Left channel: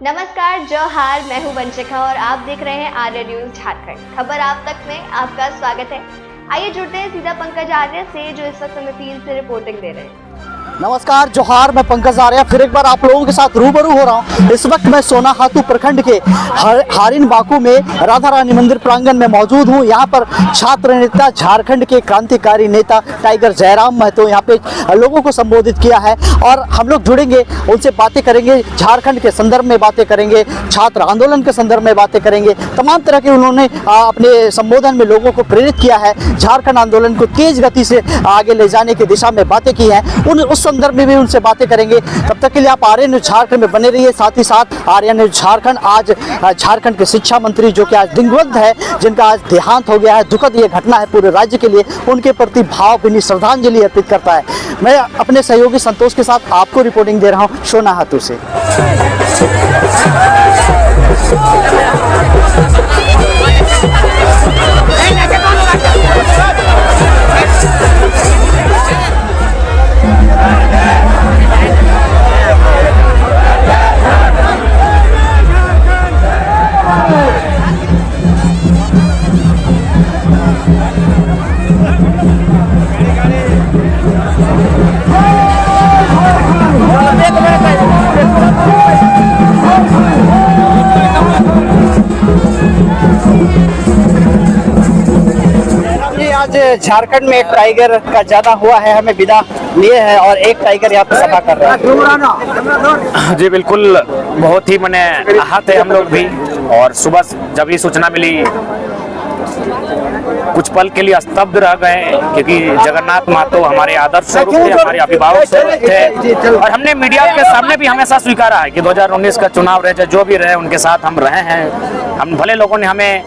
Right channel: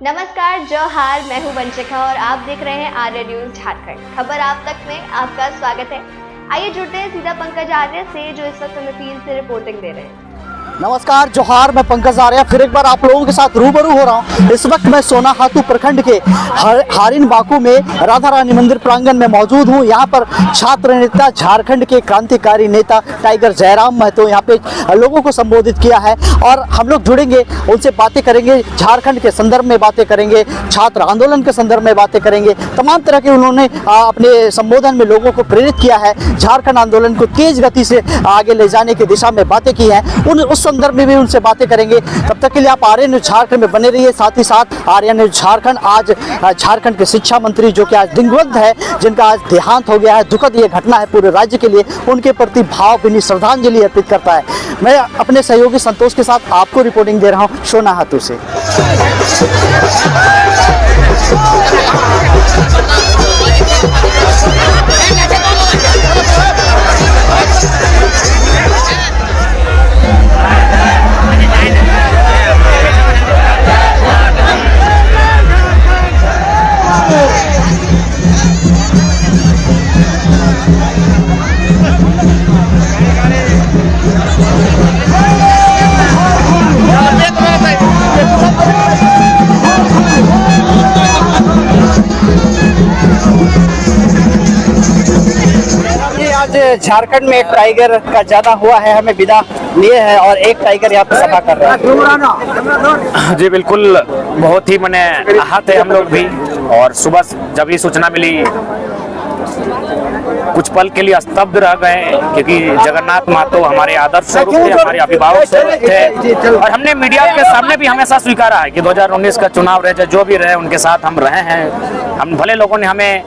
नमस्कार, जोहार। मैं हूं वंशिका और आप देख रहे हैं आर्य न्यूज झारखंड। खबर आप तक में आपका स्वागत है। आइए जुड़ते हैं सीधा पंकज आर्य से, जो इस वक्त हमें फील्ड से रिपोर्टिंग दे रहे हैं। नमस्कार, जोहार। मैं पंकज आर्य फिर एक बार आप लोगों के साथ रूबरू हो रहा हूं। इस वक्त मैं सोनाहातू प्रखंड के हारिन बाकू में राधा रानी मंदिर प्रांगण में मौजूद हूं। यहां पर छात्र नेता, झारखंड के क्रांतिकारी नेता टाइगर जयराम महतो यहां पे लोगों को संबोधित किया है और हम लोग जुड़ेंगे, उनसे बातें करेंगे, झारखंड के संदर्भ में बातें करेंगे, छात्र आंदोलन के संदर्भ में बातें करेंगे। तमाम तरह के उन्होंने अपने संबोधन में लोगों को प्रेरित किया है, झारखंड आंदोलन को तेज गति से आगे ले जाने की दिशा में बातें की हैं। उस संदर्भ में भी उनसे बातें करेंगे। तब तक के लिए आप आर्य न्यूज झारखंड में बने रहिए। साथ ही साथ आर्य न्यूज झारखंड आज झारखंड के शिक्षा मंत्री, जो कि आज दिवंगत है, जिनका आज देहांत हो गया है, दुखद ये घटना है पूरे राज्य के लिए, उनके प्रति भावभीनी श्रद्धांजलि अर्पित करता है। मैं अपने सहयोगी संतोष के साथ आपको रिपोर्टिंग दे रहा हूँ सोनाहातू से। आज झारखंड में एक टाइगर का ज्यादा हुआ है, हमें विदा लिए है और एक टाइगर यहाँ पे सभा कर रहा है। जी बिल्कुल, बहुत ही मैंने आहत है हम लोग भी। और सुबह जब ये सूचना मिली, कुछ पल के लिए स्तब्ध रह गए, क्योंकि जगन्नाथ महतो हमारे आदर्श स्वरूप थे, हमारे अभिभावक स्वरूप थे। और हमने मीडिया के सामने भी हमेशा स्वीकारा है कि 2019 का चुनाव रहे, जो भी रहे, उनके साथ हम रहे हैं। हम भले लोगों ने हमें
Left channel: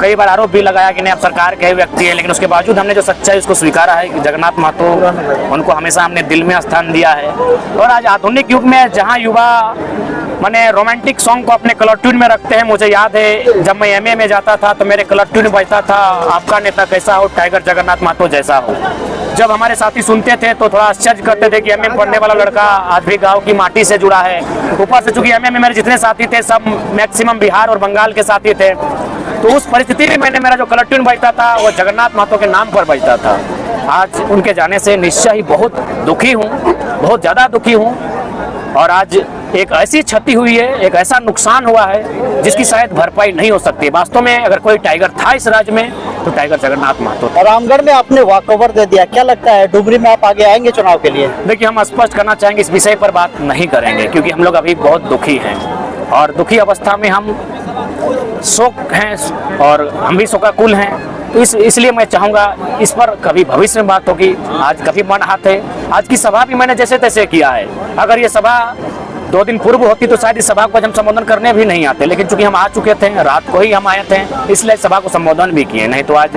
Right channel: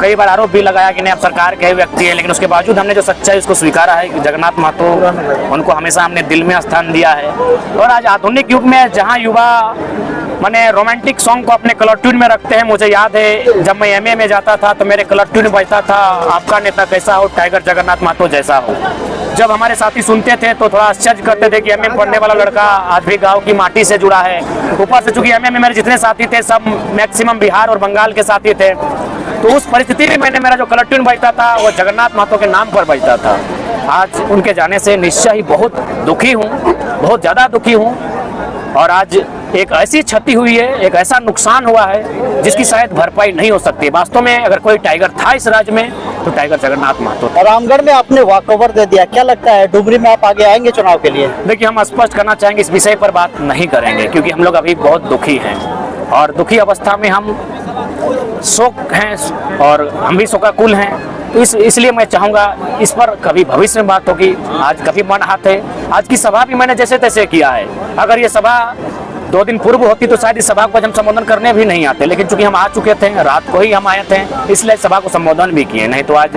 कई बार आरोप भी लगाया कि नहीं आप सरकार के व्यक्ति है, लेकिन उसके बावजूद हमने जो सच्चाई उसको स्वीकारा है कि जगन्नाथ महतो, उनको हमेशा हमने दिल में स्थान दिया है। और आज आधुनिक युग में जहां युवा मैंने रोमांटिक सॉन्ग को अपने कलर ट्यून में रखते हैं, मुझे याद है जब मैं एमए में जाता था तो मेरे कलर ट्यून बजता था, आपका नेता कैसा हो, टाइगर जगन्नाथ महतो जैसा हो। जब हमारे साथी सुनते थे तो थोड़ा आश्चर्य करते थे कि एमए में पढ़ने वाला लड़का आज भी गाँव की माटी से जुड़ा है। ऊपर से चूंकि एमए में मेरे जितने साथी थे सब मैक्सिमम बिहार और बंगाल के साथी थे, तो उस परिस्थिति में मैंने मेरा जो कलर ट्यून बजता था वो जगन्नाथ महतो के नाम पर बजता था। आज उनके जाने से निश्चय ही बहुत दुखी हूँ, बहुत ज़्यादा दुखी हूँ। और आज एक ऐसी क्षति हुई है, एक ऐसा नुकसान हुआ है जिसकी शायद भरपाई नहीं हो सकती। वास्तव में अगर कोई टाइगर था इस राज्य में तो टाइगर जगन्नाथ महतो। और रामगढ़ में आपने वॉकओवर दे दिया, क्या लगता है डुमरी में आप आगे आएंगे चुनाव के लिए? देखिए, हम स्पष्ट करना चाहेंगे, इस विषय पर बात नहीं करेंगे, क्योंकि हम लोग अभी बहुत दुखी हैं और दुखी अवस्था में हम शोक हैं और हम भी शोकाकुल हैं। तो इसलिए मैं चाहूँगा इस पर कभी भविष्य में बात होगी। आज कभी मन हाथ है, आज की सभा भी मैंने जैसे तैसे किया है। अगर ये सभा 2 दिन पूर्व होती तो शायद इस सभा को हम संबोधन करने भी नहीं आते, लेकिन चूंकि हम आ चुके थे, रात को ही हम आए थे, इसलिए सभा को संबोधन भी किए। नहीं तो आज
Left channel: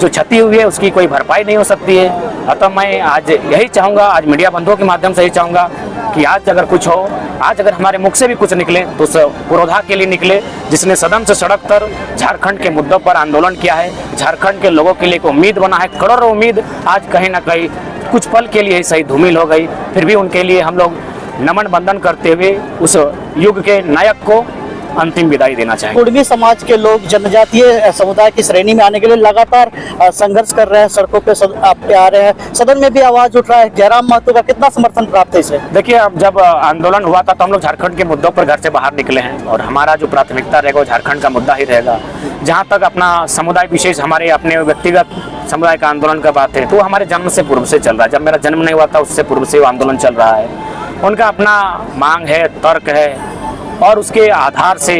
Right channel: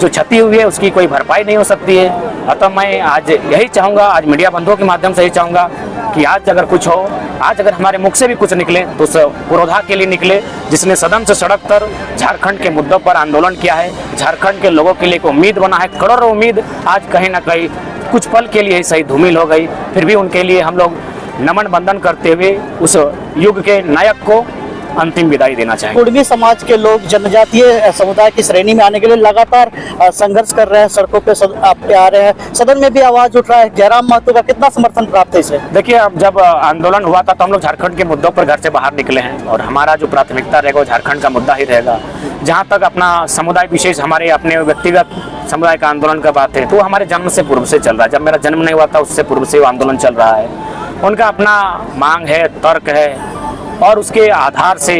जो क्षति हुई है उसकी कोई भरपाई नहीं हो सकती है। अतः मैं आज यही चाहूँगा, आज मीडिया बंधुओं के माध्यम से यही चाहूँगा कि आज अगर कुछ हो, आज अगर हमारे मुख से भी कुछ निकले तो उस पुरोधा के लिए निकले जिसने सदन से सड़क तर झारखंड के मुद्दों पर आंदोलन किया है, झारखंड के लोगों के लिए एक उम्मीद बना है। करोड़ों उम्मीद आज कहीं ना कहीं कुछ पल के लिए सही धूमिल हो गई। फिर भी उनके लिए हम लोग नमन बंदन करते हुए उस युग के नायक को अंतिम विदाई देना चाहेंगे। कुर्मी समाज के लोग जनजातीय समुदाय की श्रेणी में आने के लिए लगातार संघर्ष कर रहे हैं, सड़कों पे आ रहे हैं, सदन में भी आवाज उठ रहा है। जयराम महतो का कितना समर्थन प्राप्त है इसे? देखिए, अब जब आंदोलन हुआ था तो हम लोग झारखंड के मुद्दों पर घर से बाहर निकले हैं और हमारा जो प्राथमिकता रहेगा वो झारखंड का मुद्दा ही रहेगा। जहाँ तक अपना समुदाय विशेष, हमारे अपने व्यक्तिगत समुदाय का आंदोलन का बात है तो हमारे जन्म से पूर्व से चल रहा है। जब मेरा जन्म नहीं हुआ था उससे पूर्व से वो आंदोलन चल रहा है। उनका अपना मांग है, तर्क है और उसके आधार से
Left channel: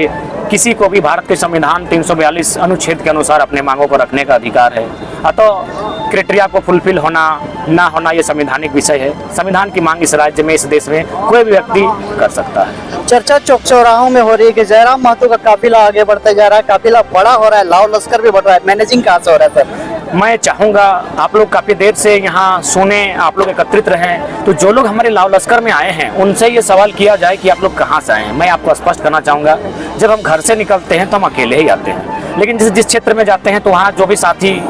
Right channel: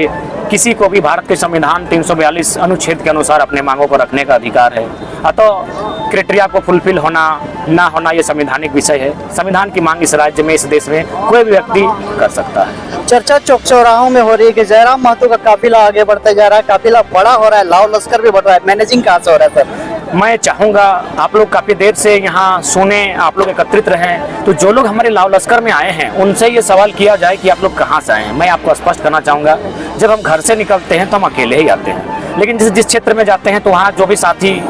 किसी को भी भारत के संविधान 342 अनुच्छेद के अनुसार अपने मांगों को रखने का अधिकार है। अतः क्राइटेरिया को फुलफिल होना ना होना ये संवैधानिक विषय है। संविधान की मांग इस राज्य में, इस देश में कोई भी व्यक्ति कर सकता है। चर्चा चौक चौराहों में हो रही है कि जयराम महतो का काफिला आगे बढ़ता जा रहा है, काफिला बड़ा हो रहा है, लाव लश्कर भी बढ़ रहा है, मैनेजिंग कहाँ से हो रहा है सर? मैं चाहूँगा आप लोग काफ़ी देर से यहाँ सुने, आप लोग एकत्रित रहें, तो जो लोग हमारे लाव लश्कर में आए हैं उनसे ये सवाल किया जाए कि आप लोग कहाँ से आए हैं। मैं आपको स्पष्ट करना चाहूँगा, जब हम घर से निकलते हैं तो हम अकेले ही आते हैं, लेकिन जिस क्षेत्र में जाते हैं तो वहाँ जो भी साथी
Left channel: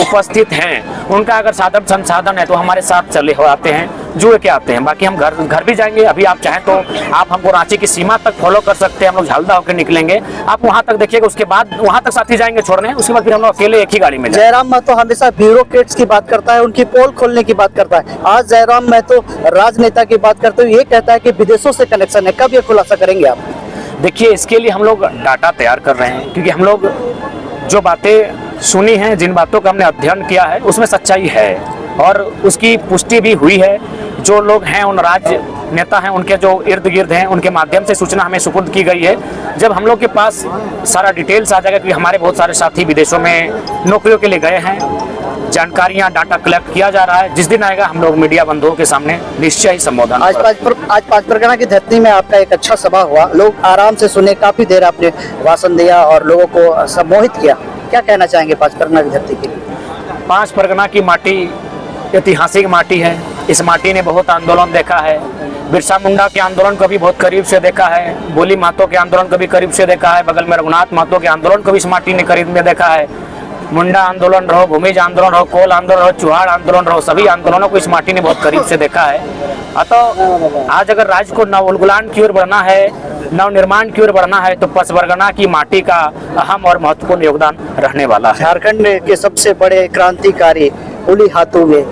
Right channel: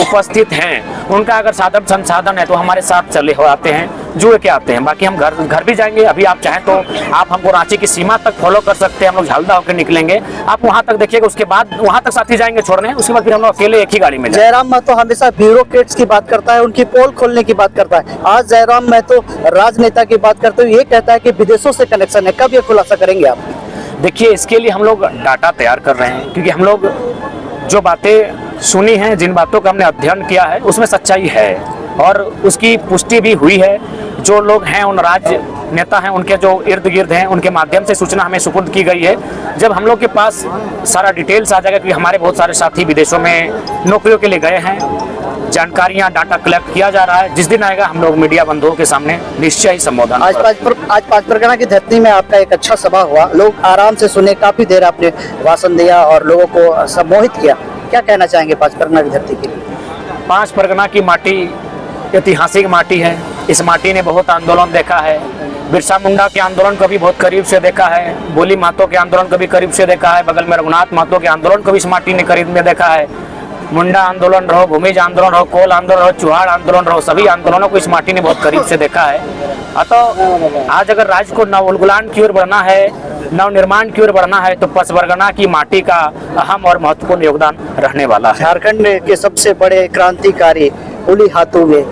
उपस्थित हैं उनका अगर साधन संसाधन है तो हमारे साथ चले हो आते हैं, जुड़ के आते हैं। बाकी हम घर भी जाएंगे। अभी आप चाहें तो आप हमको रांची की सीमा तक फॉलो कर सकते हैं, हम लोग झालदा होकर निकलेंगे, आप वहां तक देखिएगा, उसके बाद वहां तक साथी जाएंगे छोड़ने, उसके बाद फिर हम लोग अकेले एक ही गाड़ी में जाएंगे। जयराम महतो हमेशा ब्यूरोक्रेट्स की बात करता है, उनकी पोल खोलने की बात करता है। आज जयराम महतो राजनेता की बात करते हुए ये कहता है कि विदेशों से कनेक्शन है। कब ये खुलासा करेंगे आप? देखिए, इसके लिए हम लोग डाटा तैयार कर रहे हैं, क्योंकि हम लोग जो बातें सुनी हैं, जिन बातों का हमने अध्ययन किया है उसमें सच्चाई है और उसकी पुष्टि भी हुई है। जो लोग हैं, उन राज्य नेता हैं, उनके जो इर्द गिर्द हैं, उनके माध्यम से सूचना हमें सुपुर्द की गई है। जब हम लोग के पास सारा डिटेल्स आ जाएगा, क्योंकि हमारे बहुत सारे साथी विदेशों में नौकरियों के लिए गए हैं, जानकारियां, डाटा कलेक्ट किया जा रहा है, जिस दिन आएगा हम लोग मीडिया बंधुओं के सामने निश्चय ही संबोधन। आज पाँच परगना की धरती में आपका एक अच्छा सभा हुआ, लोग आराम से सुने, काफी देर आपने भाषण दिया और लोगों को सम्मोहित किया। क्या कहना चाहेंगे पाँच परगना की धरती के लिए? पाँच परगना की माटी ऐतिहासिक माटी है। इस माटी ने बहुत आंदोलन देखा है। बिरसा मुंडा के आंदोलन को भी बहुत करीब से देखा है, बोली महतो के आंदोलन को भी करीब से देखा है, बगल में रघुनाथ महतो के आंदोलन को भी इस माटी ने करीब में देखा है। मुंडा आंदोलन रहो, भूमिज आंदोलन रहो, कोल आंदोलन रहो, चुहाड़ आंदोलन रहो, सभी आंदोलनों को इस माटी ने बहुत करीब से देखा है। अतः आज अगर राज्य को नवोन्मुलन की ओर बढ़ना है, नवनिर्माण की ओर बढ़ना है, तो पाँच परगना की माटी का अहम और महत्वपूर्ण योगदान रहने वाला है। झारखंड के सबसे बड़े क्रांतिकारी पुली हाथों में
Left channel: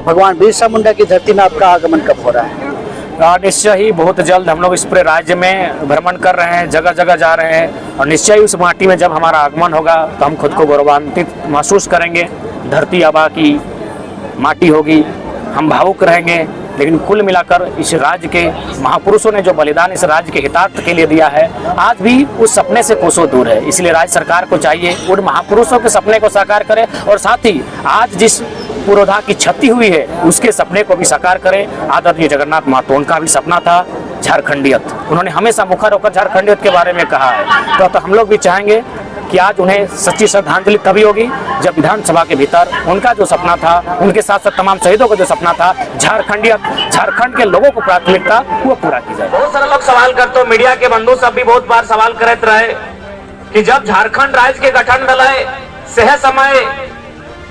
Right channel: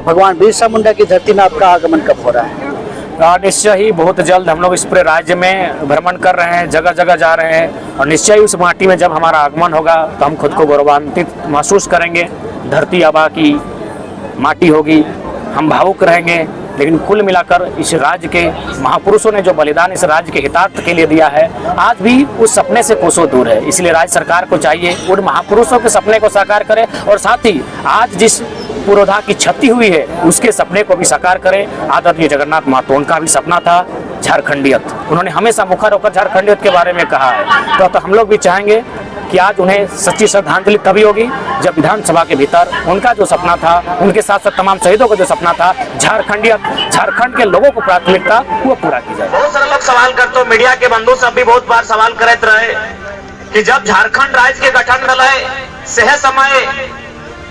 भगवान बिरसा मुंडा की धरती में आपका आगमन कब हो रहा है? निश्चय ही बहुत जल्द हम लोग इस पूरे राज्य में भ्रमण कर रहे हैं, जगह जगह जा रहे हैं, और निश्चय ही उस माटी में जब हमारा आगमन होगा तो हम खुद को गौरवान्वित महसूस करेंगे। धरती आबा की माटी होगी, हम भावुक रहेंगे। लेकिन कुल मिलाकर इस राज्य के महापुरुषों ने जो बलिदान इस राज्य के हितार्थ के लिए दिया है, आज भी उस सपने से कोसों दूर है। इसलिए राज्य सरकार को चाहिए उन महापुरुषों के सपने को साकार करे, और साथ ही आज जिस पुरोधा की क्षति हुई है उसके सपने को भी साकार करें। आदरणीय जगन्नाथ महतो, उनका भी सपना था झारखंडियत। उन्होंने हमेशा मुखर होकर झारखंडियत के बारे में कहा है। तो हम लोग भी चाहेंगे कि आज उन्हें सच्ची श्रद्धांजलि तभी होगी जब विधानसभा के भीतर उनका जो सपना था, उनके साथ साथ तमाम शहीदों का जो सपना था, झारखंडियत, झारखंड के लोगों को प्राथमिकता वो पूरा की जाए। बहुत सारे लोग सवाल करते हो, मीडिया के बंधु सब भी बहुत बार सवाल करते रहे कि जब झारखंड राज्य के गठन में सह समय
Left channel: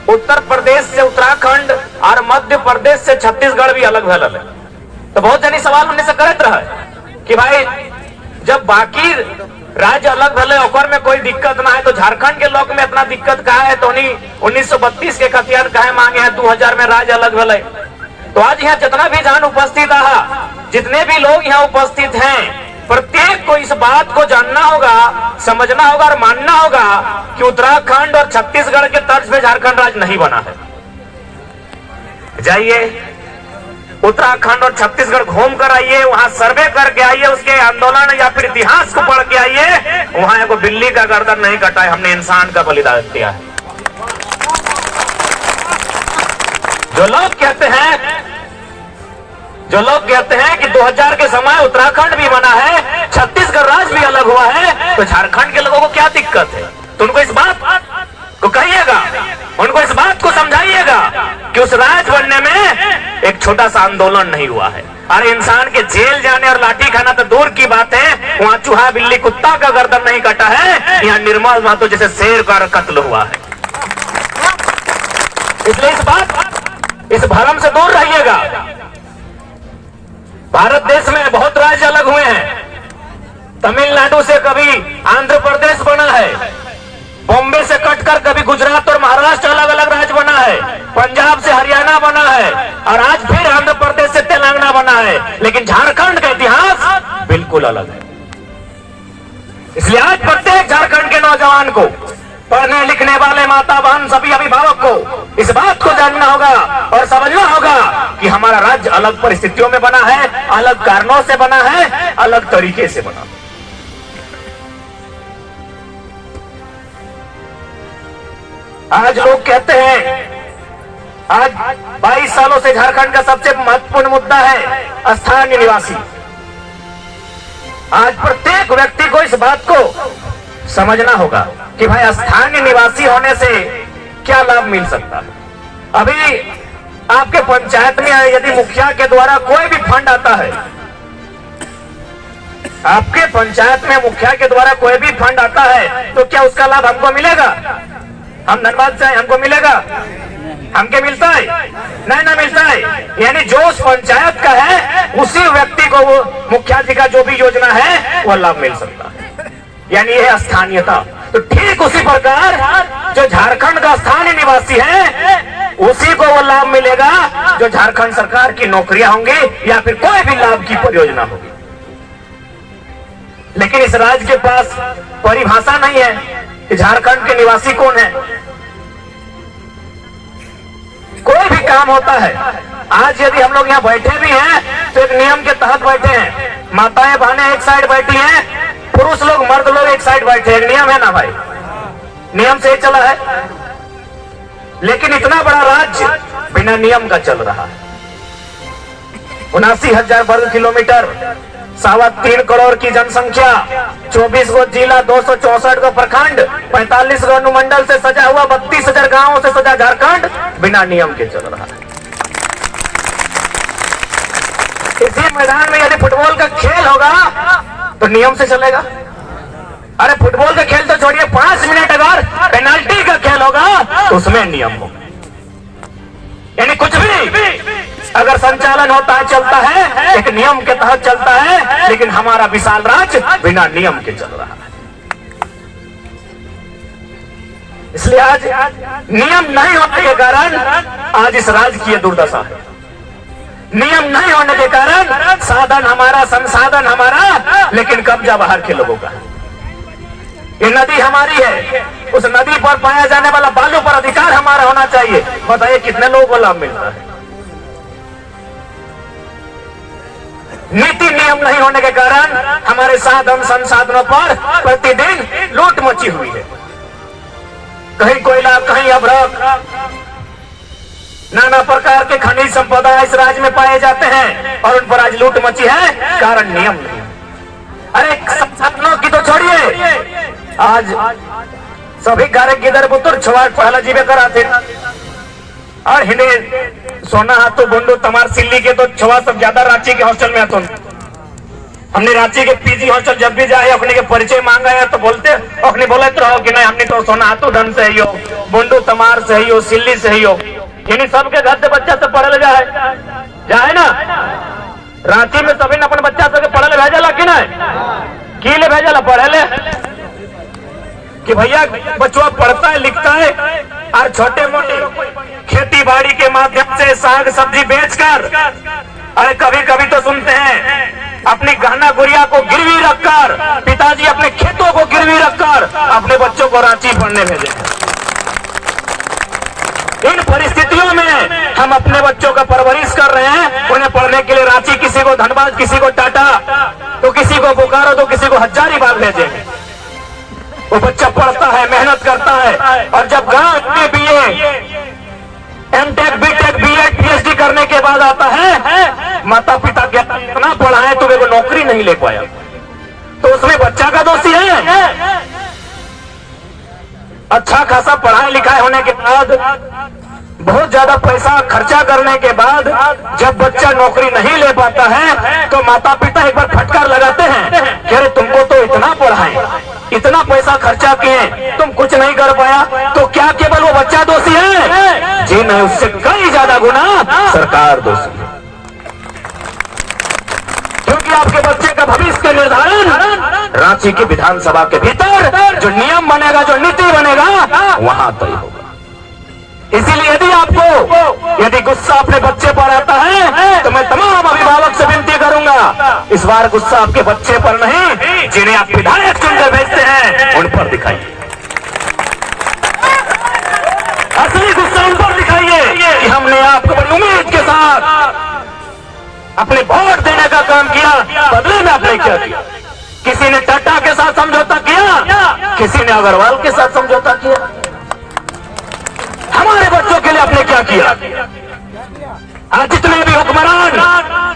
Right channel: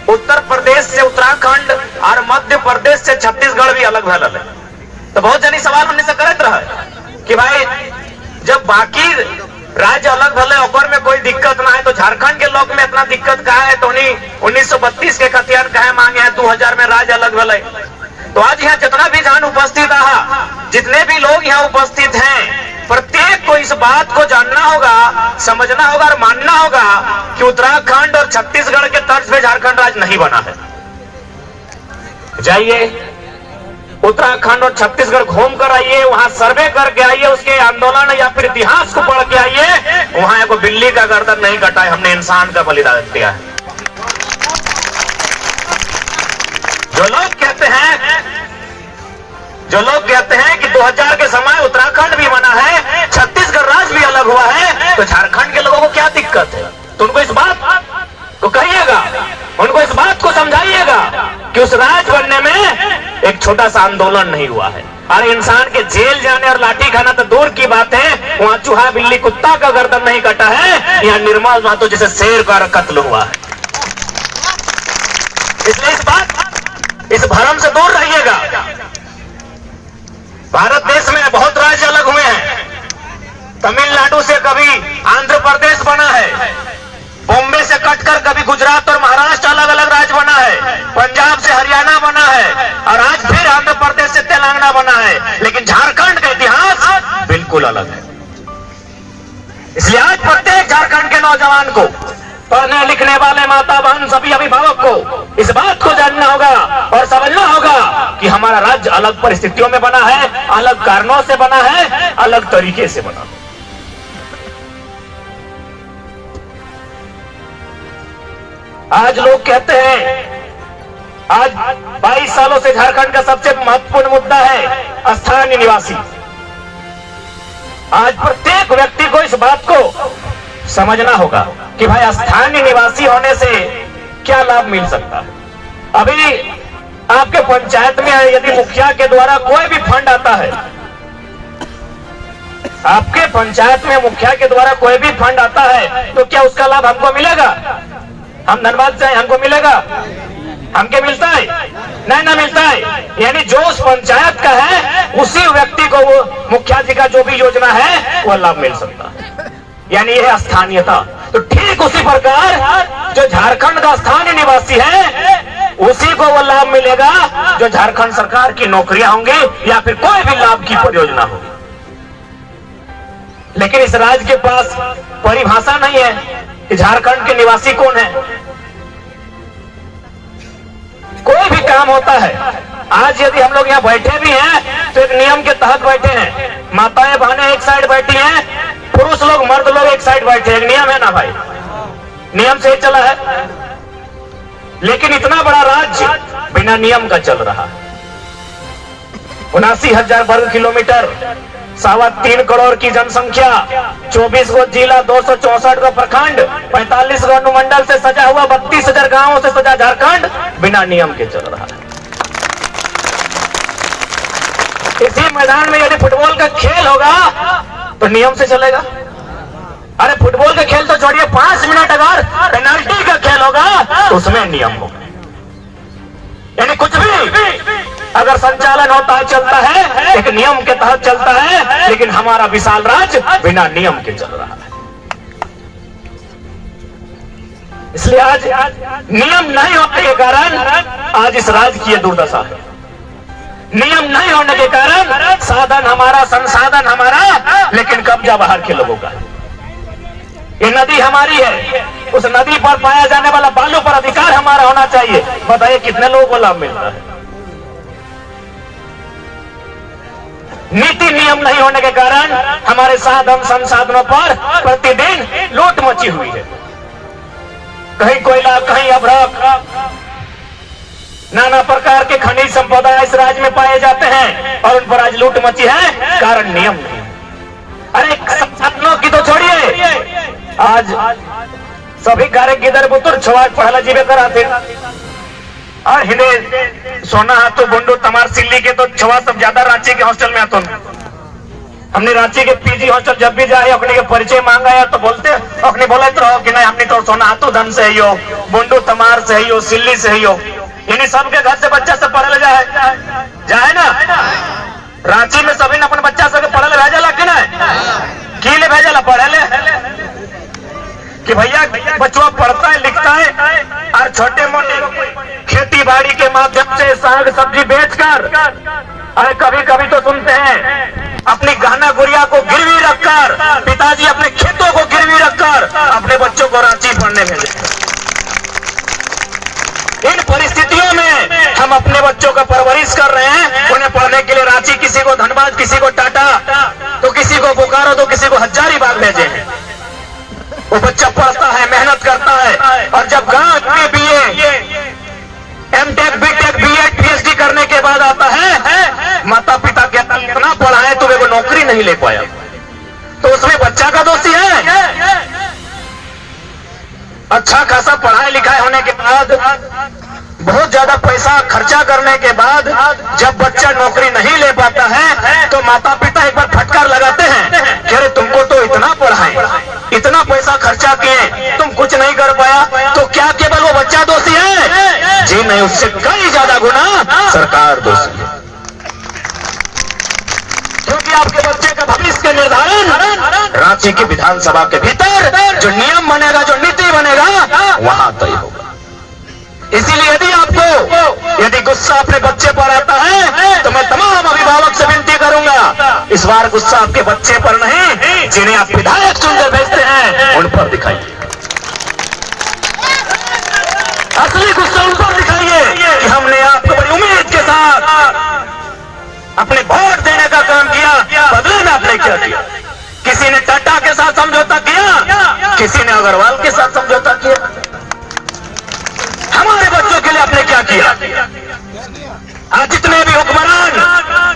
उत्तर प्रदेश से उत्तराखंड और मध्य प्रदेश से छत्तीसगढ़ भी अलग भल है, तो बहुत जनी सवाल उन्हें से करते रहे कि भाई जब बाकी राज्य अलग भले और में कोई दिक्कत ना है, तो झारखंड के लोग में इतना दिक्कत कहा है? तो 1932 के खतियान कहे मांगे हैं, 2000 में राज्य अलग भले। तो आज यहाँ जितना भी जान उपस्थित रहा, जितने भी लोग यहाँ उपस्थित हैं, प्रत्येक को इस बात को जानना होगा, समझना होगा और मानना होगा कि उत्तराखंड और छत्तीसगढ़ के तर्ज पे झारखंड राज्य नहीं बना है। जाइए उत्तराखंड और छत्तीसगढ़ घूम कर आइए, वहां सर्वे करके आइए, उसके आंदोलन या फिर इतिहास को पढ़ के आइए। वहां को बिल्ली का गर्दन नहीं कटा है, हमने इंसान का बलिदान दिया है। जो लोग कहते हैं कि 2000 के समय उत्तराखंड भी बना है, छत्तीसगढ़ राज्य भी अलग हुआ है, तो झारखंड के लोगों को क्या दिक्कत है? तो उनको इस बात को कहिएगा, उनको इस बात को समझाइएगा कि उस राज्य बनने में एक छोटा सा आंदोलन नहीं हुआ है। अरे इंसान के जेल जाने और लाठी खाना तो दूर की बात है, वहां चूहा बिल्ली कुत्ता का गर्दन नहीं कटा है, यहाँ निर्मल महतो जैसे शेर का कत्ल हुआ है। इसलिए इस भ्रम से दूर रहिएगा। भारत देश में बहुत राज्य अलग हुए हैं। तमिलनाडु से कभी आंध्र प्रदेश बना है, बॉम्बे से कटकर कभी गुजरात और महाराष्ट्र अलग अलग राज्य बना है, पंजाब से हरियाणा बना है, और आज फिर आंध्र प्रदेश से तेलंगाना बना है। लेकिन झारखंड का इतिहास बिल्कुल अलग है। इसलिए आज प्रत्येक झारखंड के नौजवान को, पढ़ने लिखने वाले माता बहन सभी अभिभावक को इस बात को जानना होगा और समझना होगा कि हमारा राज्य अलग परिस्थितियों में बना है, अलग कारणों से बना है, अलग तरीके से बना है। आज लोग कहते हैं, आज 22 सालों से झारखंड का सबसे महत्वपूर्ण मुद्दा है स्थानीय निवासी। आज प्रत्येक व्यक्ति को इस बात को समझना होगा कि भाई स्थानीय निवासी होने से क्या लाभ मिल सकता है। अभी आपके पंचायत में यदि मुखिया के द्वारा कोई भी फंड आता है, आपके पंचायत में मुखिया के द्वारा कोई भी फंड आता है, तो क्या उसका लाभ हमको मिलेगा? हम धनबाद से हमको मिलेगा? हमके मिलता है? नहीं ना मिलता है। यानी जो उस पंचायत का है उसी व्यक्ति को वो मुखिया जी का जो भी योजना है वो लाभ मिल सकता है। यानी यह स्थानीयता। तो ठीक उसी प्रकार जो झारखंड का स्थानीय निवासी है उसी को वो लाभ मिलेगा जो झारखंड सरकार की नौकरियां होंगी या फिर कोई भी लाभ की परियोजना होगी। लेकिन इस राज्य के पास परिभाषा नहीं है कि झारखंड के निवासी कौन है। कोई भी काम होता है, आज यदि हम लोग यहाँ बैठे भी हैं तो एक नियम के तहत बैठे हैं। माताएं बहनें एक साइड बैठी हैं, पुरुष लोग मर्द लोग एक साइड बैठे हैं। एक नियम है ना भाई, नियम से चला है। लेकिन इतना बड़ा राज्य बिना नियम का चल रहा है। 79,000 वर्ग किलोमीटर, 3.25 करोड़ की जनसंख्या, 24 गो जिला, 264 गो प्रखंड, 45 गो अनुमंडल से सजा हुआ 32,000 गांवों से सजा झारखंड बिना नियम के चल रहा है। इसी मैदान में यदि फुटबॉल का खेल होगा तो नियम से चलेगा। अरे फुटबॉल का खेल तो छोड़िए, 5 मिनट अगर पेनाल्टी का खेल होगा तो उसमें नियम होगा। यानी कुछ भी अगर संचालन होता है, चलता है, एक नियम के तहत चलता है। लेकिन हमारा विशाल राज्य बिना नियम के चल रहा है। इसलिए आज नियम नहीं होने के कारण आज इस राज्य की दुर्दशा है। नियम नहीं होने के कारण साधन हमारा, संसाधन हमारा, लेकिन कब्जा बाहर के लोगों का है। ये नदी हमारी है, उस नदी पर पाया जाने वाला बालू पर अधिकार हमारा होना चाहिए। बताइए कितने लोगों को लाभ मिलता है। नीति नियम नहीं होने के कारण हमारे साधन संसाधनों पर प्रतिदिन लूट मची हुई है। कहीं कोयला, कहीं अभ्रक, नाना प्रकार के खनिज संपदा इस राज्य में पाए जाते हैं और उन पर आज लूट मची है, कारण नियम नहीं। अरे संसाधनों की तो छोड़िए, आज सभी कार्य गिदर बुतुर छवाट पहला जीवे कराते और हिंदे सोना हाथों बुंडू तमार सिल्ली के तो छवा सब ज्यादा रांची के हॉस्टल में आते। हमने रांची के पीजी हॉस्टल जब भी जाए अपने के परिचय मांगा है तो बोलते अपने बोले तो रहो कि नहीं हमने तो सोना हाथों धन से ही हो, बुंडू तमार से ही हो, सिल्ली से ही हो। यानी सबके घर से बच्चा सब पढ़े जाए ना। रांची में सभी ने अपने बच्चा सब पढ़े भेजा कि नहीं, की ले भेजा पढ़े ले कि भैया बच्चा पढ़ता है लिखता है और छोटे मोटे खेती बाड़ी के माध्यम से साग सब्जी बेचकर, अरे कभी कभी तो सुनते हैं अपनी गहना गुड़िया को गिरवी रखकर, पिताजी अपने खेतों को गिरवी रखकर अपने बच्चों को रांची पढ़ने भेजे। इन परिस्थितियों में हम अपने बच्चों का परवरिश कर रहे हैं, उन्हें पढ़ने के लिए रांची, किसी को धनबाद, किसी को टाटा, तो किसी को बोकारो, तो किसी को हजारीबाग भेजे हैं। वो बच्चा पढ़ता है, मेहनत करता है और जब गांव में BA, MTech, BTech, BEd, PhD करने के बाद आता है, माता पिता कहता है इतना पढ़ा है तुम्हें वो नौकरी नहीं ले पाया, तो उसमें बच्चा का दोषी है। अच्छा खासा पढ़ाई लिखाई होने के बाद, बहुत ज्यादा पैसा खर्चा करने के बाद जब बच्चा नौकरी नहीं ले पाता है तो माता पिता एक बार फटकार लगाते हैं कि अरे तुमको तो इतना पढ़ाए, इतना पैसा खर्चा किए, तुम कुछ नहीं कर पाया, तो क्या केवल वो बच्चा दोषी है? जी नहीं, उससे कई ज्यादा गुना सरकार दोषी है। क्योंकि आपके बच्चे का भविष्य का निर्धारण रांची की विधानसभा के भीतर जो नियम बनेगा, जो नीति बनेगा, वहां तय होगा। इसीलिए यदि गुस्सा अपने बच्चे पर आता है तो मैं तमाम अभिभावक से विनती करूंगा, इस बार गुस्सा आपके बच्चे पर नहीं, जिन्हें आप विधायक चुनकर भेजते हैं उन पर दिखाइए। असली गुस्सा उन पर दिखाइए कि हमने आपको बड़ी उम्मीद के साथ अपने वोट देने का काम किया, बदले में आपने क्या किया? किसी ने टाटा के साथ समझौता किया, किसी ने अग्रवाल के साथ समझौता किया। क्या किया। आज जितने भी हुक्मरान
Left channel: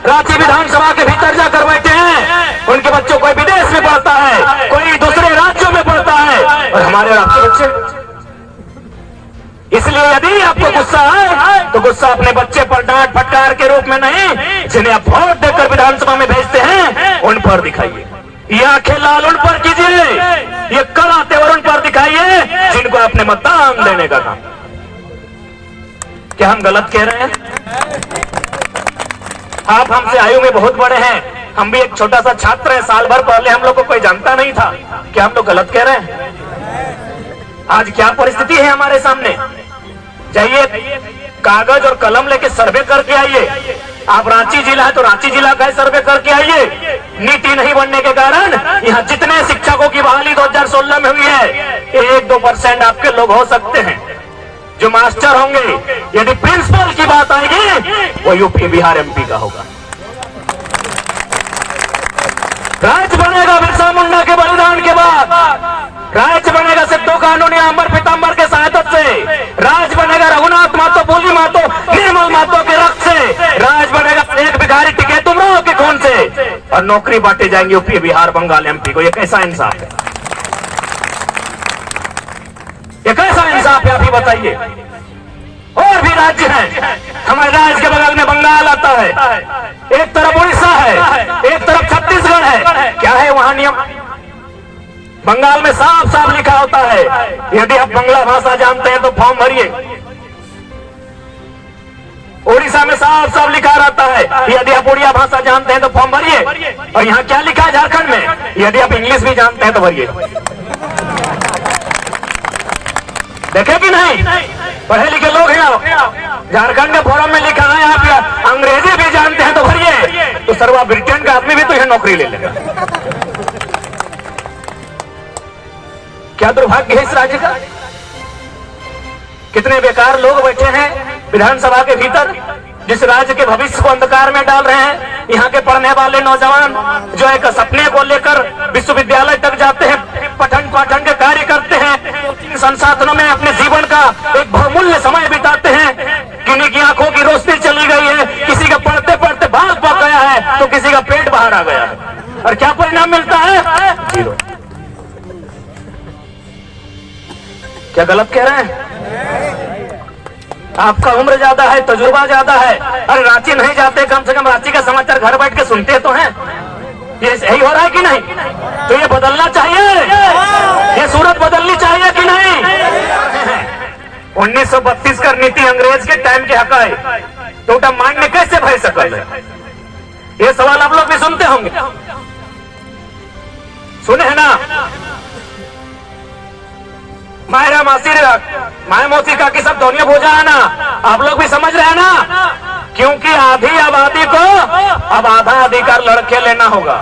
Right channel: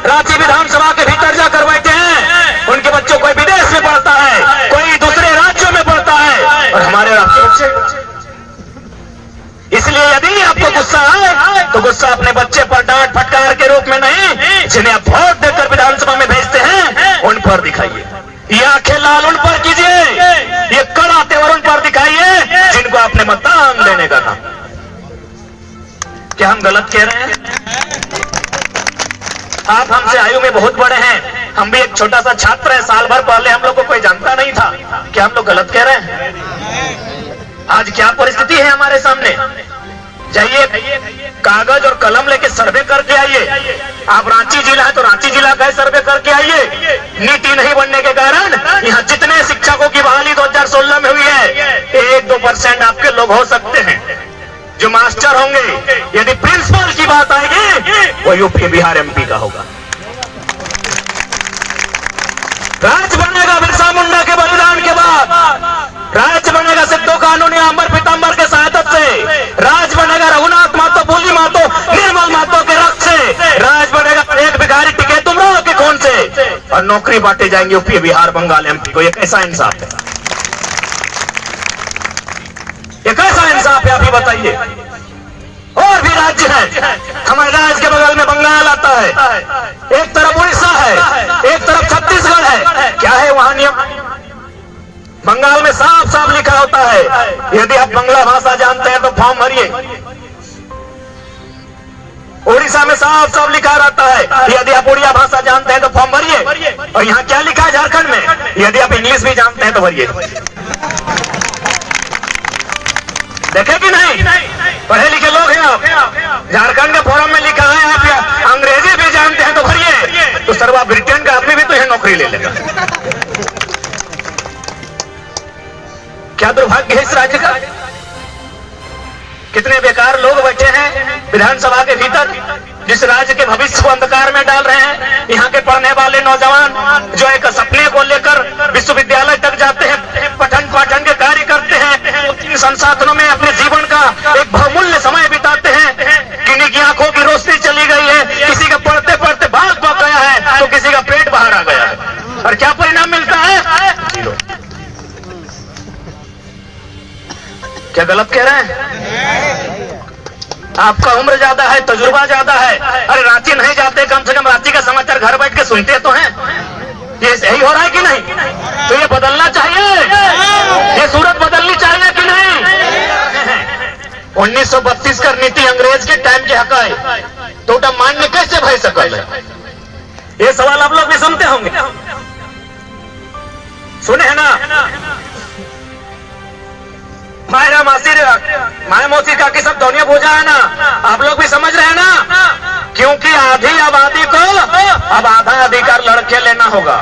रांची विधानसभा के भीतर जाकर बैठे हैं, उनके बच्चों कोई विदेश में पढ़ता है, कोई दूसरे राज्यों में पढ़ता है, और हमारे आपके बच्चे। इसलिए यदि आपको गुस्सा आए तो गुस्सा अपने बच्चे पर डांट फटकार के रूप में नहीं, जिन्हें आप वोट देकर विधानसभा में भेजते हैं उन पर दिखाइए। ये आंखें लाल उन पर कीजिए, ये कड़ा तेवर उन पर दिखाइए जिनको आपने मतदान देने का था। क्या हम गलत कह रहे हैं? आप हमसे आयु में बहुत बड़े हैं, हम भी एक छोटा सा छात्र है, साल भर पहले हम लोग को कोई जानता नहीं था। क्या हम लोग गलत कह रहे हैं? आज क्या परिस्थिति है हमारे सामने? जाइए कागज और कलम लेके सर्वे करके आइए। आप रांची जिला है तो रांची जिला का सर्वे करके आइए। नीति नहीं बनने के कारण यहाँ जितने शिक्षकों की बहाली 2016 में हुई है, 1-2% आपके लोग हो सकते हैं जो मास्टर होंगे। यदि प्रिंसिपल की बात आएगी वो यूपी बिहार एमपी का होगा। राज बनेगा बिरसा मुंडा के बलिदान के बाद, राज बनेगा सिद्धू कानूनी अंबर पीताम्बर के सहायता से, राज बनेगा रघुनाथ महतो, बोली महतो, निर्मल महतो के रक्त से, राज बनेगा एक भिखारी टिके तुमरो के खून से, और नौकरी बांटे जाएंगे यूपी बिहार बंगाल एमपी को। ये कैसा इंसाफ है? ये कैसा इंसाफ है आप ही बताइए। और भी राज्य हैं, हमारे राज्य के बगल में बंगाल आता है, एक तरफ उड़ीसा है, एक तरफ छत्तीसगढ़ है। क्या है वहां नियम? बंगाल में साफ साफ लिखा होता है, यदि आप बंगला भाषा जानते हैं तो फॉर्म भरिए। उड़ीसा में साफ साफ लिखा रहता है, यदि आप उड़िया भाषा जानते हैं तो फॉर्म भरिए। और यहाँ क्या लिखा है झारखंड में? यदि आप इंग्लिश भी जानते हैं तो भरिए। देखे कि नहीं? पढ़े लिखे लोग हैं आप। झारखंड के फॉर्म में लिखा है आप या अंग्रेजी भी जानते हैं तो भरिए, तो सर्वा ब्रिटेन का आदमी भी तो यह नौकरी ले लेगा। क्या दुर्भाग्य है इस राज्य का। कितने बेकार लोग बैठे हैं विधानसभा के भीतर, जिस राज्य के भविष्य को अंधकार में डाल रहे हैं। यहाँ के पढ़ने वाले नौजवान जो एक सपने को लेकर विश्वविद्यालय तक जाते हैं, पठन पाठन के कार्य करते हैं, संसाधनों में अपने जीवन का एक बहुमूल्य समय बिताते हैं। किन्हीं की आंखों की रोशनी चली गई है, किसी का पढ़ते पढ़ते बाल पक गया है, तो किसी का पेट बाहर आ गया है, और क्या परिणाम मिलता है? जीरो। क्या गलत कह रहे हैं? आपका उम्र ज्यादा है, तजुर्बा ज्यादा है। अरे रांची नहीं जाते, कम से कम रांची का समाचार घर बैठ के सुनते तो हैं। ये सही हो रहा है कि नहीं? तो ये बदलना चाहिए, ये सूरत बदलनी चाहिए कि नहीं? 1932 का नीति अंग्रेज के टाइम के हक है, तो मान्य कैसे भय सकल है? ये सवाल आप लोग भी सुनते होंगे, सुने है ना? मायरा मासी माया मौसी काकी सब दोनों भोजा है ना, आप लोग भी समझ रहे हैं ना? क्योंकि आधी आबादी को अब आधा अधिकार लड़के लेना होगा,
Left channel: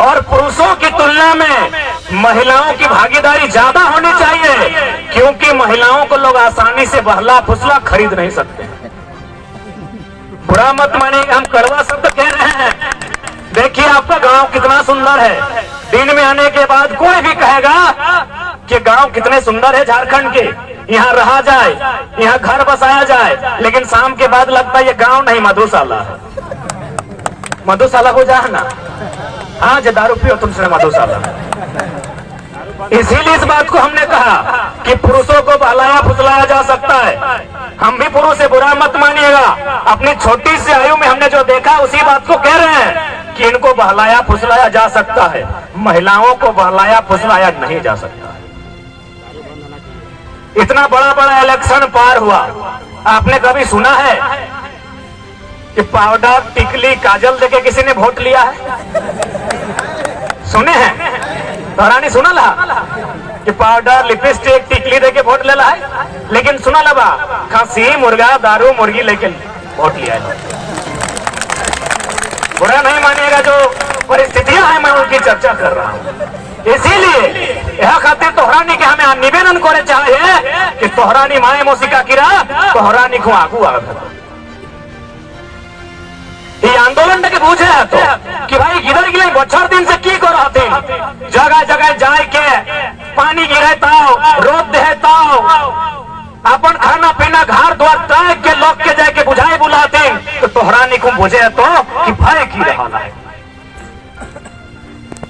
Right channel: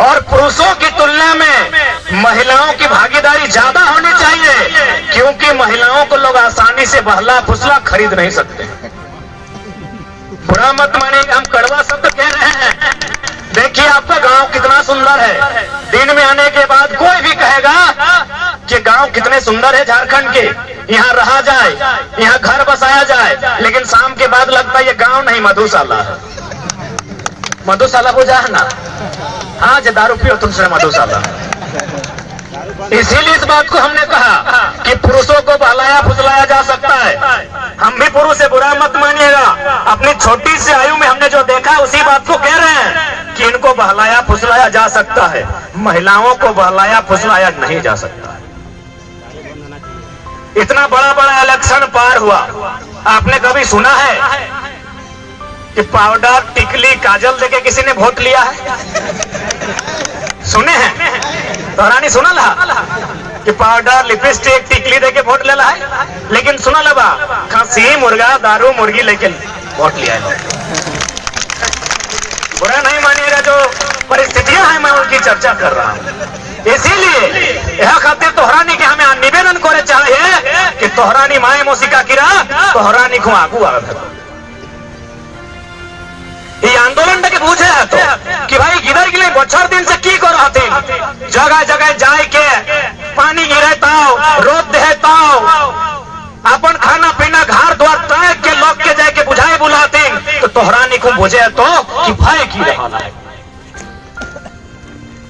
और पुरुषों की तुलना में महिलाओं की भागीदारी ज्यादा होनी चाहिए, क्योंकि महिलाओं को लोग आसानी से बहला फुसला खरीद नहीं सकते। बुरा मत मानिएगा, हम कड़वा शब्द कह रहे हैं। देखिए आपका गांव कितना सुंदर है, दिन में आने के बाद कोई भी कहेगा कि गांव कितने सुंदर है झारखंड के, यहाँ रहा जाए, यहाँ घर बसाया जाए, लेकिन शाम के बाद लगता है ये गांव नहीं मधुशाला है। मधुशाला हो जाए ना, आज दारू पियो तुमसे मधुशाला। इसीलिए इस बात को हमने कहा कि पुरुषों को बहलाया फुसलाया जा सकता है। हम भी पुरुष से बुरा मत मानिएगा, अपनी छोटी सी आयु में हमने जो देखा उसी बात को कह रहे हैं कि इनको बहलाया फुसलाया जा सकता है, महिलाओं को बहलाया फुसलाया नहीं जा सकता। इतना बड़ा बड़ा इलेक्शन पार हुआ, आपने कभी सुना है कि पाउडर टिकली काजल देके किसी ने वोट लिया है? सुने हैं? तोहरानी सुना ला कि पाउडर लिपस्टिक टिकली देके वोट ले ला है, लेकिन सुना लबा खसी मुर्गा दारू मुर्गी लेके वोट लिया है। बुरा नहीं मानिएगा, जो परिस्थितियां हैं मैं उनकी चर्चा कर रहा हूँ। इसीलिए यह खातिर तोहरानी के हमें निवेदन करे चाहिए कि तोहरानी माए मोसिका किरा तोहरानी को आगू आ ये आंदोलन के बूझे है तो कि भाई गिर गिर बछर दिन से की कर रहा थे, जगह जगह जाए के पानी गिरे ताओ रोद दे ताओ, अपन खाना बुलाते तो तोहरा निकुम बुझे तो कि भय की रहा है।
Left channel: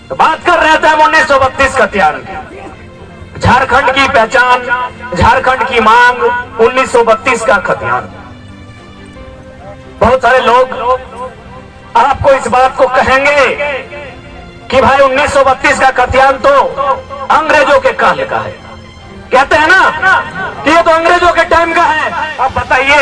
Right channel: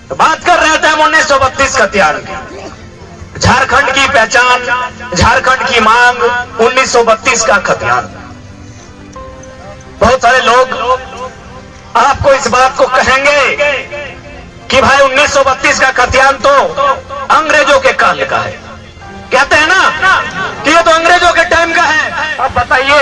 तो बात कर रहे थे हम 1932 का त्याग की, झारखंड की पहचान, झारखंड की मांग, 1932 का खतियान। बहुत सारे लोग आपको इस बात को कहेंगे कि भाई 1932 का खतियान तो अंग्रेजों के काल का है। कहते हैं ना कि ये तो अंग्रेजों के टाइम का है। अब बताइए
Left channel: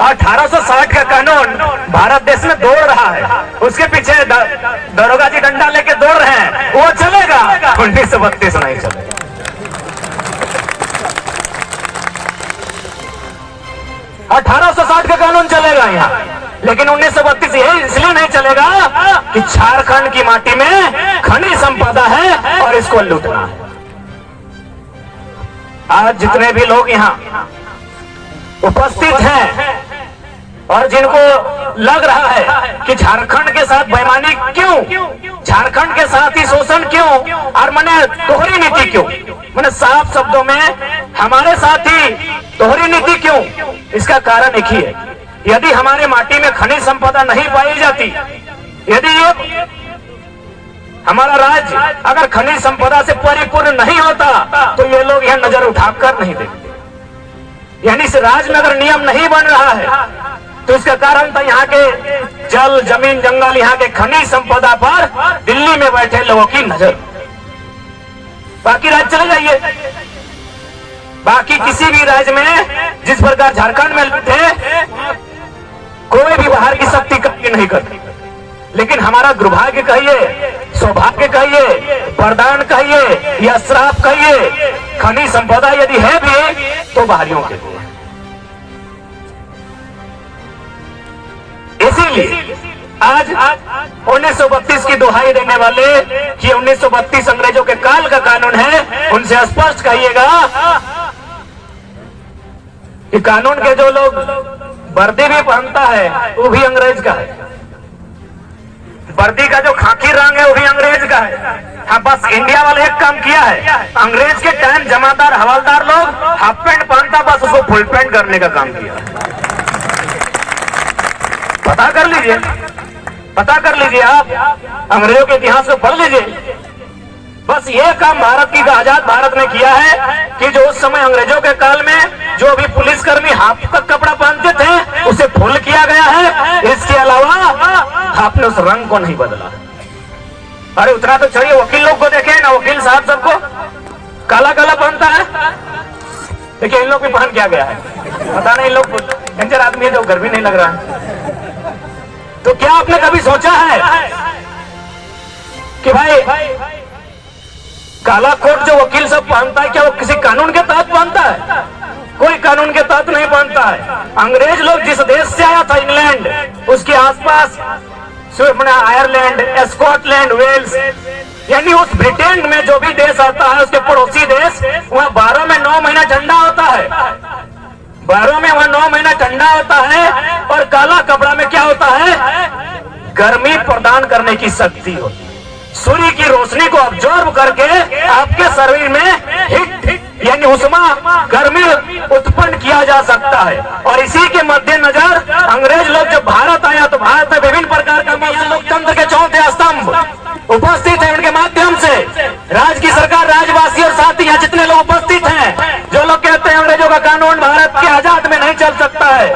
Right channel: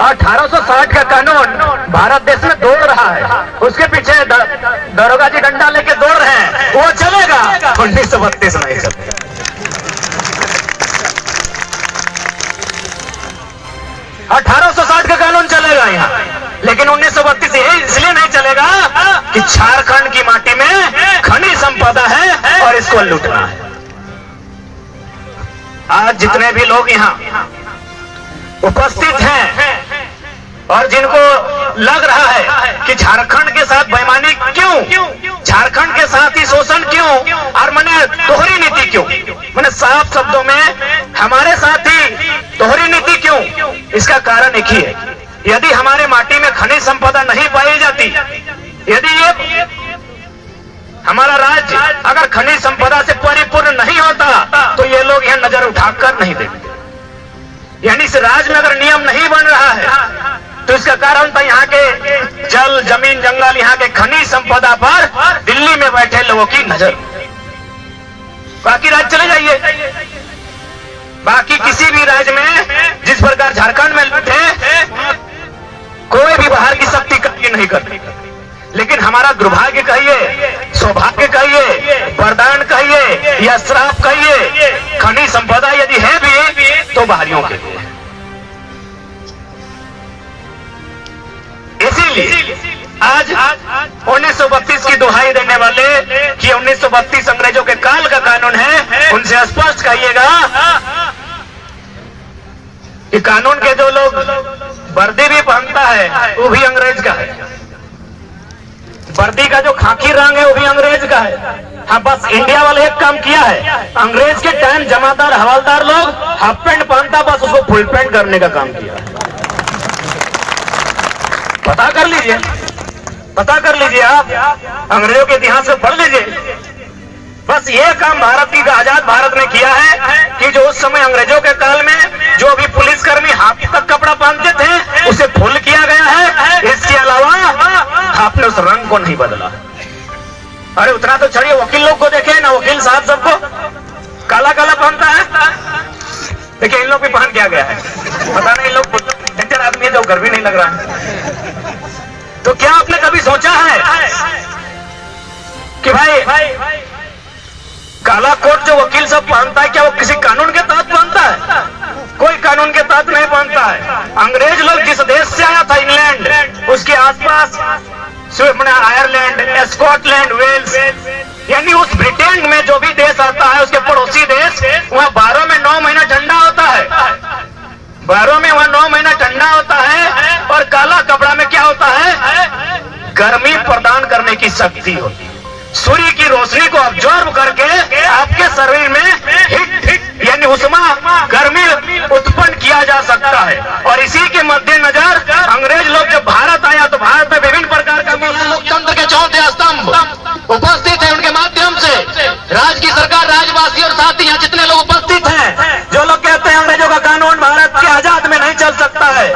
1860 का कानून भारत देश में दौड़ रहा है, उसके पीछे दरोगा जी डंडा लेके दौड़ रहे हैं, वो चलेगा? 1932 नहीं चलेगा। 1860 का कानून चलेगा यहाँ, लेकिन 1932 ये इसलिए नहीं चलेगा कि झारखंड की माटी में खनिज संपदा है और इसको लूटना है। आज जितने भी लोग यहाँ उपस्थित हैं और जिनको लग रहा है कि झारखंड के साथ बेईमानी क्यों, झारखंड के साथ ही शोषण क्यों, और मैंने दोहरी नीति क्यों, मैंने साफ शब्दों में हमारे साथ ही दोहरी नीति क्यों, इसका कारण एक ही है। यदि हमारे माटी में खनिज संपदा नहीं पाई जाती, यदि ये हमारा राज्य अगर खनिज संपदा से परिपूर्ण नहीं होता तो ये लोग यहाँ नजर उठाकर नहीं देखते। यानी इस राज्य में अगर नियम नहीं बन रहा है तो इसका कारण तो यहाँ के जल, जमीन, जंगल, यहाँ के खनिज संपदा पर दिल्ली में बैठे लोगों की नजर। बाकी राज्य चले जाइए, बाकी किसी भी राज्य में जिस प्रकार झारखंड में थे, कोई भी बाहर की शक्ति कभी नहीं करती। लेकिन हमारा दुर्भाग्य कहिए, सौभाग्य कहिए, वरदान कहिए या श्राप कहिए, खनिज संपदा यदि है भी तो बाहरियों के लिए। इसीलिए आज 1932 की दुहाई देने वाले कि 1932 अंग्रेजों के काल का कानून है, उनसे स्पष्ट कहिएगा कि कानून के जो लोग वर्दी भी पहनता है वो भी अंग्रेज का है, वर्दी का जो खाकी रंग है वो भी अंग्रेज का है। हाँ, बस इंडिया वाले एक काम किया है, अंग्रेज के टाइम जमादार, हवलदार लोग हाफ पैंट पहनता, बस उसको फुल पैंट करने का काम किया। पता कर लीजिए, पता कर लीजिए, आप अंग्रेजों के इतिहास को पढ़ लीजिए। बस ये काम भारत की आजाद भारत ने किया है कि जो उस समय अंग्रेजों के काल में जो भी पुलिसकर्मी हाफ तक कपड़ा पहनते थे उसे फुल किया गया है। इसके अलावा आपने उस रंग को नहीं बदला। अरे उतना तो चढ़िए, वकील लोग को देखे ना, वकील साहब सबको काला काला पहनता है। देखिए इन लोग भी पहन क्या गया है, पता नहीं, इन लोग डेंजर आदमी है जो गर्मी नहीं लग रहा है। तो क्या आपने कभी सोचा है कि भाई काला कोट जो वकील सब पहनता है, क्या वो किसी कानून के तहत पहनता है? कोई कानून के तहत नहीं पहनता है। अंग्रेज लोग जिस देश से आया था, इंग्लैंड, उसके आसपास आयरलैंड, स्कॉटलैंड, वेल्स, यानी उस ब्रिटेन में जो भी देश आता है उसके पड़ोसी देश, वहाँ 12 में 9 महीना ठंडा होता है, 12 में वहाँ 9 महीना ठंडा होता है। और काला कपड़ा में क्या होता है? गर्मी प्रदान करने की शक्ति होती है, सूर्य की रोशनी को ऑब्जर्व करके आपके शरीर में हिट यानी उष्मा, गर्मी उत्पन्न किया जा सकता है। और इसी के मद्देनजर अंग्रेज लोग जब भारत आया तो भारत में विभिन्न प्रकार का लोकतंत्र के चौथे स्तंभ उपस्थित है। उनके माध्यम से राज्य की सरकार, राज्यवासी और साथी यहाँ जितने लोग उपस्थित हैं, जो लोग कहते हैं अंग्रेजों का कानून भारत के आजाद में नहीं चल सकता है,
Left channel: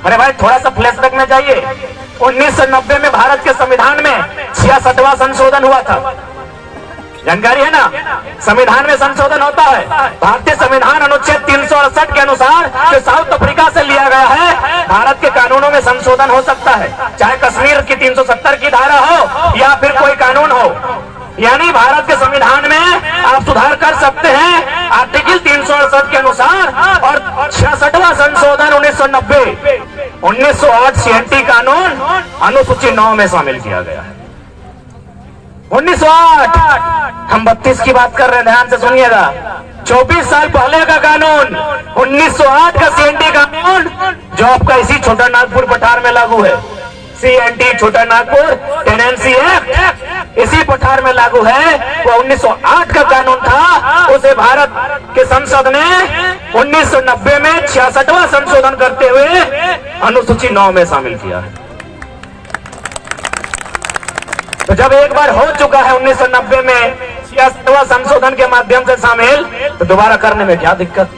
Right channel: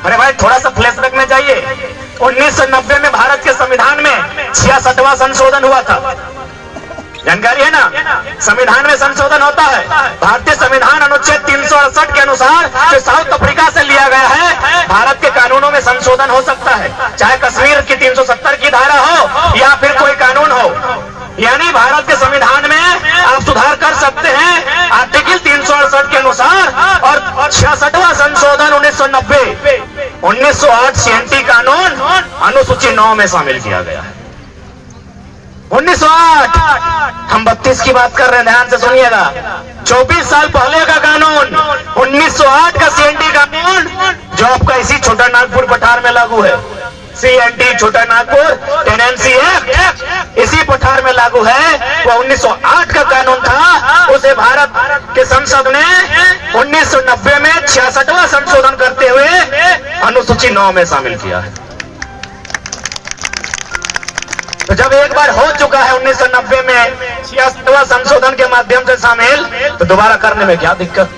अरे भाई थोड़ा सा फ्लैशबैक में जाइए। 1990 में भारत के संविधान में 66वां संशोधन हुआ था, जानकारी है ना? संविधान में संशोधन होता है। भारतीय संविधान अनुच्छेद 368 के अनुसार जो साउथ अफ्रीका से लिया गया है, भारत के कानूनों में संशोधन हो सकता है, चाहे कश्मीर की 370 की धारा हो या फिर कोई कानून हो। यानी भारत के संविधान में आप सुधार कर सकते हैं आर्टिकल 368 के अनुसार। और 66वां संशोधन 1990 1908 CNT कानून अनुसूची 9 में शामिल किया गया है। 1908, हम 32 की बात कर रहे हैं, ध्यान से सुनिएगा। 24 साल पहले का कानून 1908 का CNT कानून जो आपका इसी छोटा नागपुर पठार में लागू है। CNT छोटा नागपुर टेनेंसी एक्ट इसी पठार में लागू है। वो 1908 का कानून था, उसे भारत के संसद ने 1990 में 66वां संशोधन करते हुए अनुसूची 9 में शामिल किया है। तो जब एक बार हो चुका है 1990 में 66वां संशोधन के माध्यम से शामिल, तो दोबारा करने में क्या दिक्कत।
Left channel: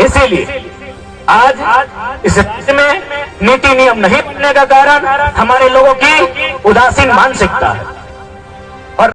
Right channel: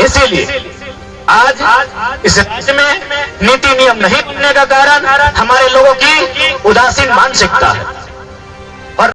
इसीलिए आज इस राज्य में नीति नियम नहीं बनने का कारण हमारे लोगों की उदासीन मानसिकता है।